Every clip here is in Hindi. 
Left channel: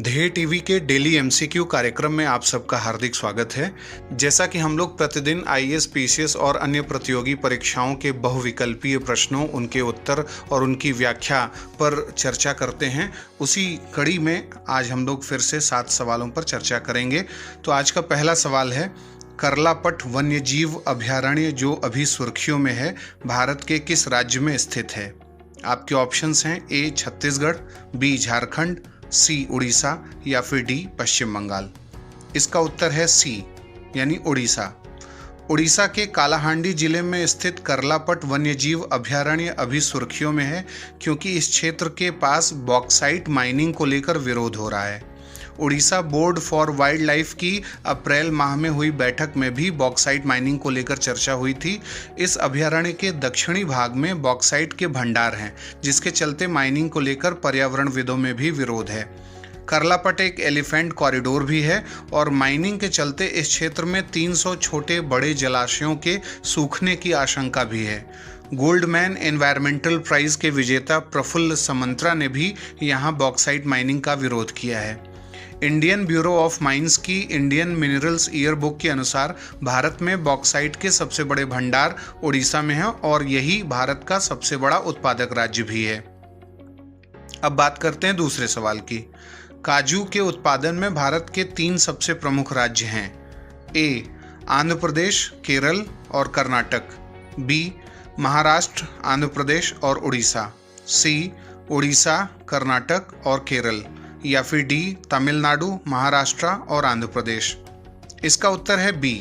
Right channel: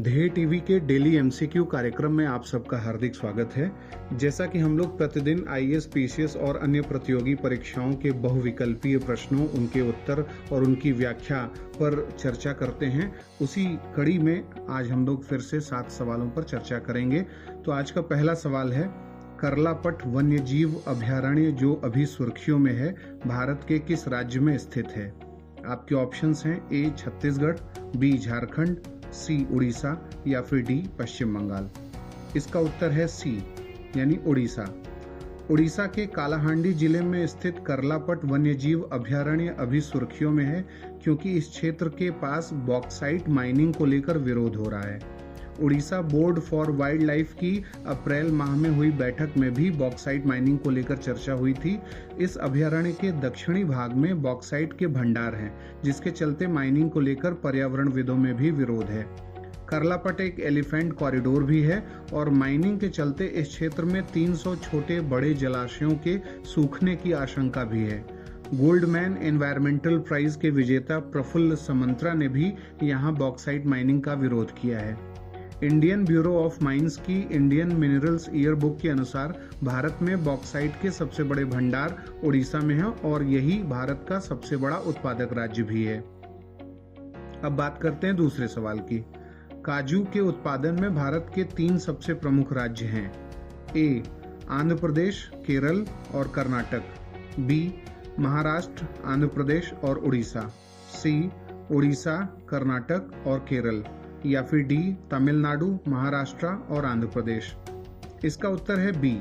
ध्येय टीवी के डेली एमसीक्यू कार्यक्रम में आप सबका हार्दिक स्वागत है। जैसा कि हम लोग प्रतिदिन आईएएस, पीसीएस और अन्य प्रतियोगी परीक्षाओं के बहुविकल्पीय प्रश्नों, उनके उत्तर और उनकी व्याख्या पर चर्चा करते हैं, उसी कड़ी में आज हम लोग फिर से 7 सवालों पर चर्चा करेंगे। तो आज का पहला सवाल है, करलापट वन्यजीव अभयारण्य जो अभी सुर्खियों में है, भारत के किस राज्य में स्थित है? आपके ऑप्शंस हैं ए छत्तीसगढ़, बी झारखंड, सी उड़ीसा या फिर डी पश्चिम बंगाल। इसका उत्तर है सी यानी उड़ीसा। उड़ीसा के कालाहांडी जिले में स्थित करलापट वन्यजीव अभयारण्य अभी सुर्खियों में है क्योंकि इस क्षेत्र के पास बॉक्साइट माइनिंग को लेकर विरोध हो रहा है। Orissa board for wild life की अप्रैल माह में हुई बैठक में भी बॉक्साइट माइनिंग को लेकर चर्चा हुई थी। इस अभयारण्य के दक्षिणी भाग में बॉक्साइट के भंडार हैं, जिसके चलते माइनिंग को लेकर पर्यावरणविदों में भी विरोध है। करलापट एक एलिफेंट कॉरिडोर भी है और माइनिंग के चलते इस क्षेत्र में 300 छोटे बड़े जलाशयों के सूखने की आशंका भी है। गोल्डमैन एनवायरमेंटल प्राइज के विजेता प्रफुल्ल समंत्रा ने भी यहाँ बॉक्साइट माइनिंग का विरोध किया है। इंडियन ब्यूरो ऑफ माइंस की इंडियन मिनरल्स ईयर बुक के अनुसार भारत में बॉक्साइट के सबसे बड़े भंडार उड़ीसा में हैं और यही भारत का सबसे बड़ा उत्पादक राज्य भी है। अब बात करते हैं दूसरे सवाल की। काजू के उत्पादन में भारत के 3 सबसे प्रमुख राज्य हैं। ए आंध्र प्रदेश, केरल और कर्नाटक, बी महाराष्ट्र, आंध्र प्रदेश और उड़ीसा, सी उड़ीसा, कर्नाटक और केरल या फिर डी तमिलनाडु, महाराष्ट्र और आंध्र प्रदेश। इसका उत्तर है बी।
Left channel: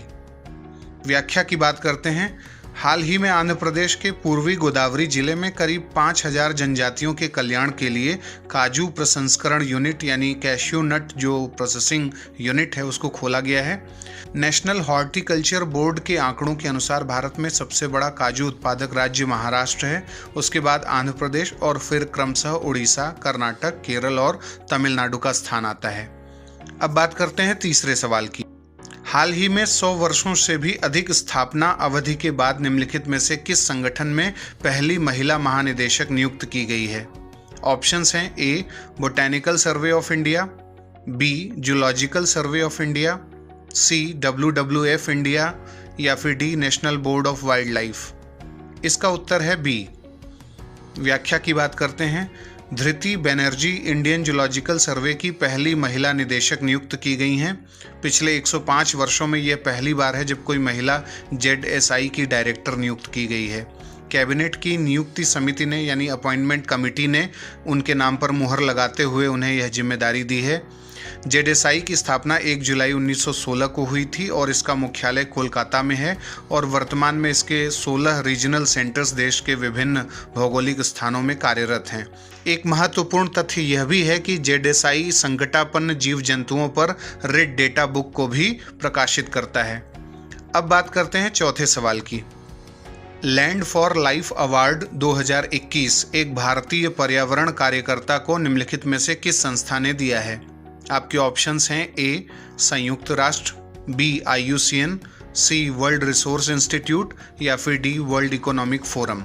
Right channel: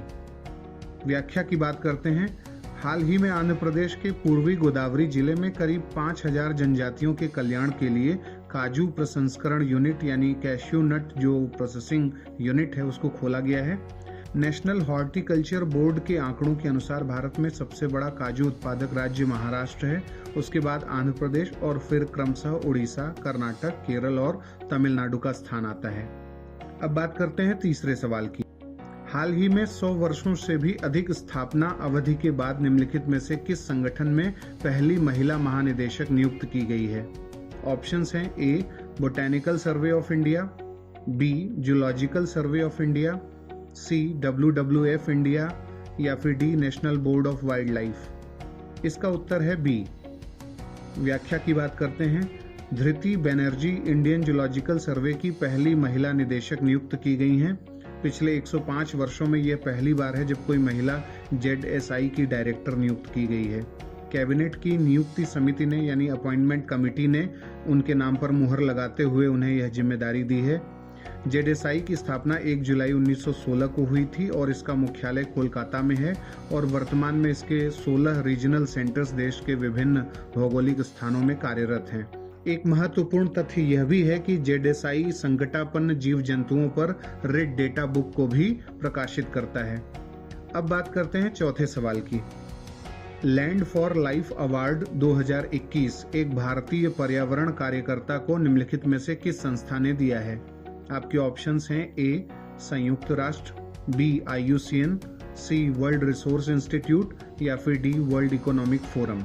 व्याख्या की बात करते हैं। हाल ही में आंध्र प्रदेश के पूर्वी गोदावरी जिले में करीब 5000 जनजातियों के कल्याण के लिए काजू प्रसंस्करण यूनिट यानी कैश्यू नट जो प्रोसेसिंग यूनिट है उसको खोला गया है। नेशनल हॉर्टिकल्चर बोर्ड के आंकड़ों के अनुसार भारत में सबसे बड़ा काजू उत्पादक राज्य महाराष्ट्र है, उसके बाद आंध्र प्रदेश और फिर क्रमशः उड़ीसा, कर्नाटक, केरल और तमिलनाडु का स्थान आता है। अब बात करते हैं तीसरे सवाल की। हाल ही में 100 वर्षों से भी अधिक स्थापना अवधि के बाद निम्नलिखित में से किस संगठन में पहली महिला महानिदेशक नियुक्त की गई है? ऑप्शंस हैं A botanical survey of India, B zoological survey of India, C WWF India या फिर D national board of wild life. इसका उत्तर है बी। व्याख्या की बात करते हैं। Dhriti Banerjee Indian zoological survey की पहली महिला निदेशक नियुक्त की गई हैं। पिछले 105 वर्षों में यह पहली बार है जब कोई महिला ZSI की डायरेक्टर नियुक्त की गई है। कैबिनेट की नियुक्ति समिति ने यानी अपॉइंटमेंट कमेटी ने उनके नाम पर मुहर लगाते हुए उन्हें यह जिम्मेदारी दी है। ZSI की स्थापना 1 जुलाई 1916 को हुई थी और इसका मुख्यालय कोलकाता में है और वर्तमान में इसके 16 रीजनल सेंटर्स देश के विभिन्न भौगोलिक स्थानों में कार्यरत हैं। एक महत्वपूर्ण तथ्य यह भी है कि ZSI संकटापन्न जीव जंतुओं पर रेड डेटा बुक को भी प्रकाशित करता है। अब बात करते हैं चौथे सवाल की। लैंड फॉर लाइफ अवार्ड 2021 एक भारतीय पर्यावरण कार्यकर्ता को निम्नलिखित में से किस संस्था ने दिया है? आपके ऑप्शंस हैं ए संयुक्त राष्ट्र, बी IUCN, सी वर्ल्ड रिसोर्स इंस्टीट्यूट या फिर डी वर्ल्ड इकोनॉमिक फोरम।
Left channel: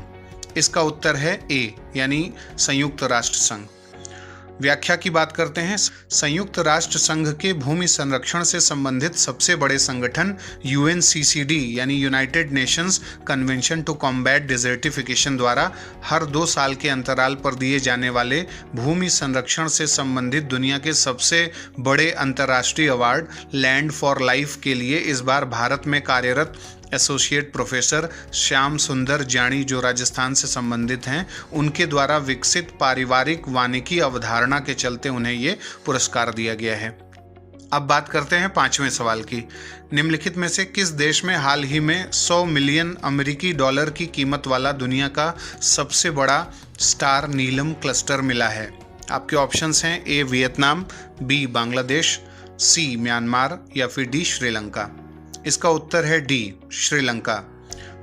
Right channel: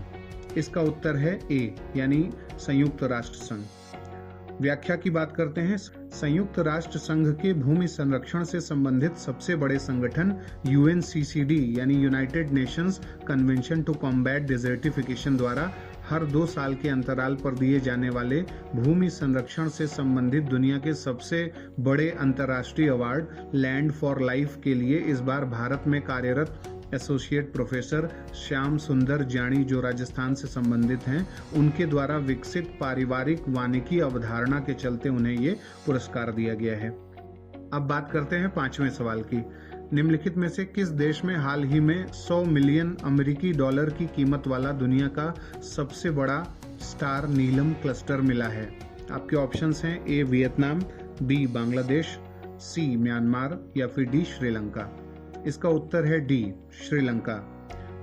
इसका उत्तर है ए यानी संयुक्त राष्ट्र संघ। व्याख्या की बात करते हैं। संयुक्त राष्ट्र संघ के भूमि संरक्षण से संबंधित सबसे बड़े संगठन UNCCD यानी united nations convention to combat desertification द्वारा हर 2 साल के अंतराल पर दिए जाने वाले भूमि संरक्षण से संबंधित दुनिया के सबसे बड़े अंतर्राष्ट्रीय अवार्ड लैंड फॉर लाइफ के लिए इस बार भारत में कार्यरत एसोसिएट प्रोफेसर श्याम सुंदर जानी जो राजस्थान से संबंधित हैं, उनके द्वारा विकसित पारिवारिक वानिकी अवधारणा के चलते उन्हें ये पुरस्कार दिया गया है। अब बात करते हैं 5वें सवाल की। निम्नलिखित में से किस देश में हाल ही में 100 मिलियन अमेरिकी डॉलर की कीमत वाला दुनिया का सबसे बड़ा स्टार नीलम क्लस्टर मिला है? आपके ऑप्शंस हैं ए वियतनाम, बी बांग्लादेश, सी म्यांमार या फिर डी श्रीलंका। इसका उत्तर है डी श्रीलंका।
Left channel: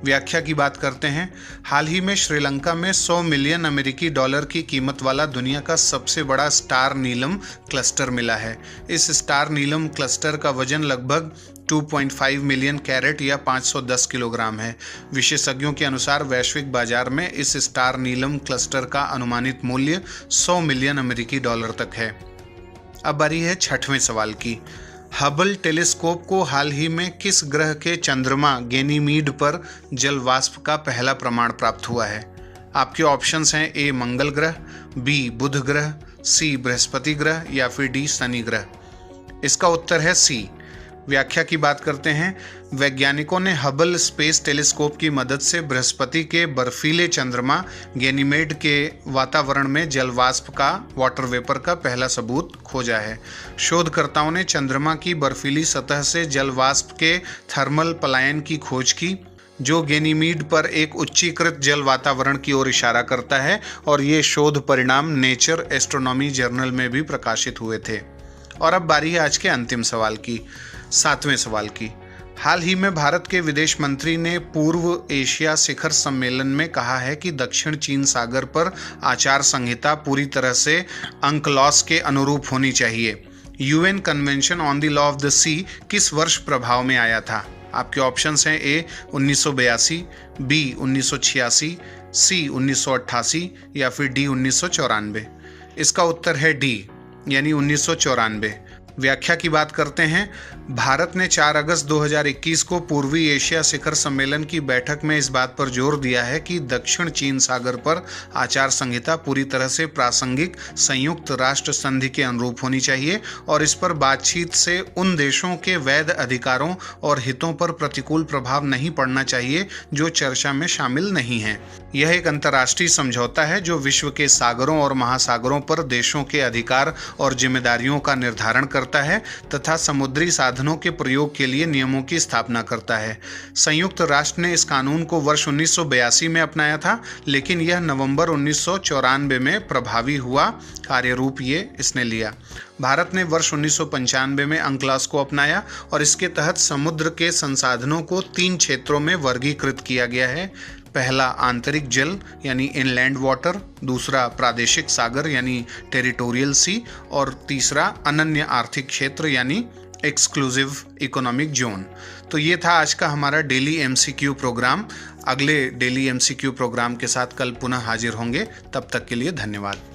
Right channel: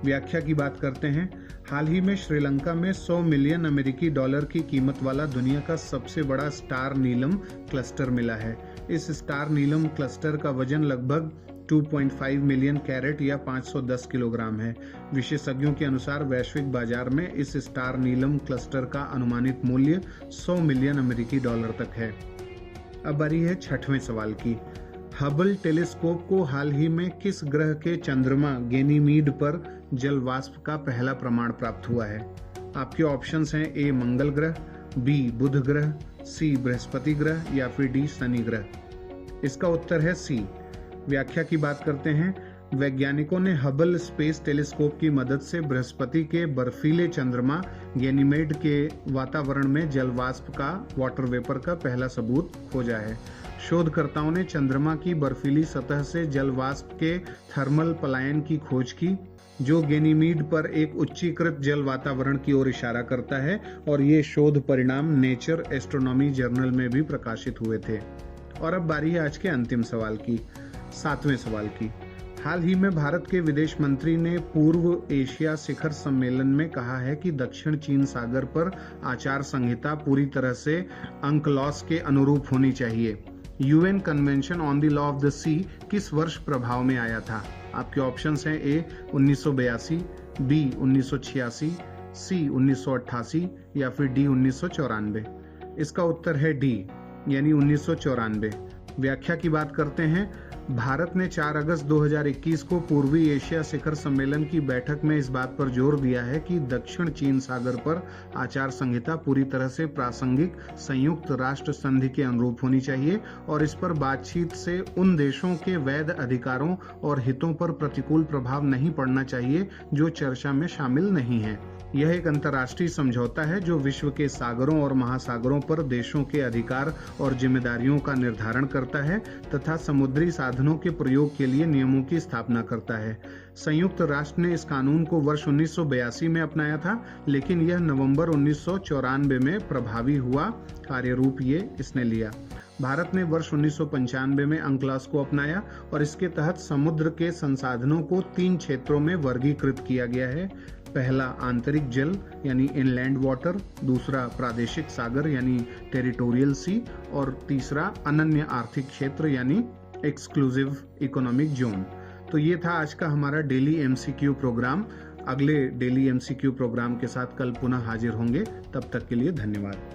व्याख्या की बात करते हैं। हाल ही में श्रीलंका में 100 मिलियन अमेरिकी डॉलर की कीमत वाला दुनिया का सबसे बड़ा स्टार नीलम क्लस्टर मिला है। इस स्टार नीलम क्लस्टर का वजन लगभग 2.5 मिलियन कैरेट या 510 किलोग्राम है। विशेषज्ञों के अनुसार वैश्विक बाजार में इस स्टार नीलम क्लस्टर का अनुमानित मूल्य 100 मिलियन अमेरिकी डॉलर तक है। अब बारी है छठवें सवाल की। हबल टेलीस्कोप को हाल ही में किस ग्रह के चंद्रमा गैनीमीड पर जल वाष्प का पहला प्रमाण प्राप्त हुआ है? आपके ऑप्शंस हैं ए मंगल ग्रह, बी बुध ग्रह, सी बृहस्पति ग्रह या फिर डी शनि ग्रह। इसका उत्तर है सी। व्याख्या की बात करते हैं। वैज्ञानिकों ने हबल स्पेस टेलीस्कोप की मदद से बृहस्पति के बर्फीले चंद्रमा गैनीमेड के वातावरण में जल वाष्प का वाटर वेपर का पहला सबूत खोजा है। शोधकर्ताओं ने चंद्रमा की बर्फीली सतह से जल वाष्प के थर्मल पलायन की खोज की, जो गैनीमीड पर एक उच्चीकृत जल वातावरण की ओर इशारा करता है, और ये शोध परिणाम नेचर एस्ट्रोनॉमी जर्नल में भी प्रकाशित हुए थे। और अब बारी है आज के अंतिम सवाल की, सातवें सवाल की। हाल ही में भारत के विदेश मंत्री ने पूर्व एशिया शिखर सम्मेलन में कहा है कि दक्षिण चीन सागर पर आचार संहिता पूरी तरह से अंकलॉस के अनुरूप होनी चाहिए। UN convention on the law of the sea किस वर्ष प्रभाव में आया था? आपके ऑप्शंस हैं ए 1982, बी 1986, सी 1988 या फिर डी 1994। इसका उत्तर है डी, यानी 1994। व्याख्या की बात करते हैं। भारत ने 4 अगस्त 2021 को पूर्वी एशिया शिखर सम्मेलन की बैठक में इस बात पर जोर दिया है कि दक्षिण चीन सागर पर आचार संहिता पूरी तरह से प्रासंगिक संयुक्त राष्ट्र संधि के अनुरूप होनी चाहिए, और इस पर बातचीत से उन देशों के वैध अधिकारों और हितों पर प्रतिकूल प्रभाव नहीं पड़ना चाहिए जो चर्चा में शामिल नहीं हैं। यह एक अंतर्राष्ट्रीय समझौता है जो विश्व के सागरों और महासागरों पर देशों के अधिकार और जिम्मेदारियों का निर्धारण करता है तथा समुद्री साधनों के प्रयोग के लिए नियमों की स्थापना करता है। संयुक्त राष्ट्र ने इस कानून को वर्ष 1982 में अपनाया था, लेकिन यह नवंबर 1994 में प्रभावी हुआ। कार्यरूप ये इसने लिया। भारत ने वर्ष 1995 में अंकलॉस को अपनाया, और इसके तहत समुद्र के संसाधनों को 3 क्षेत्रों में वर्गीकृत किया गया है। पहला आंतरिक जल यानी इनलैंड वाटर, दूसरा प्रादेशिक सागर यानी टेरिटोरियल सी, और तीसरा अनन्य आर्थिक क्षेत्र यानी एक्सक्लूसिव इकोनॉमिक जोन। तो ये था आज का हमारा डेली एमसीक्यू प्रोग्राम। अगले डेली एमसीक्यू प्रोग्राम के साथ कल पुनः हाजिर होंगे। तब तक के लिए धन्यवाद।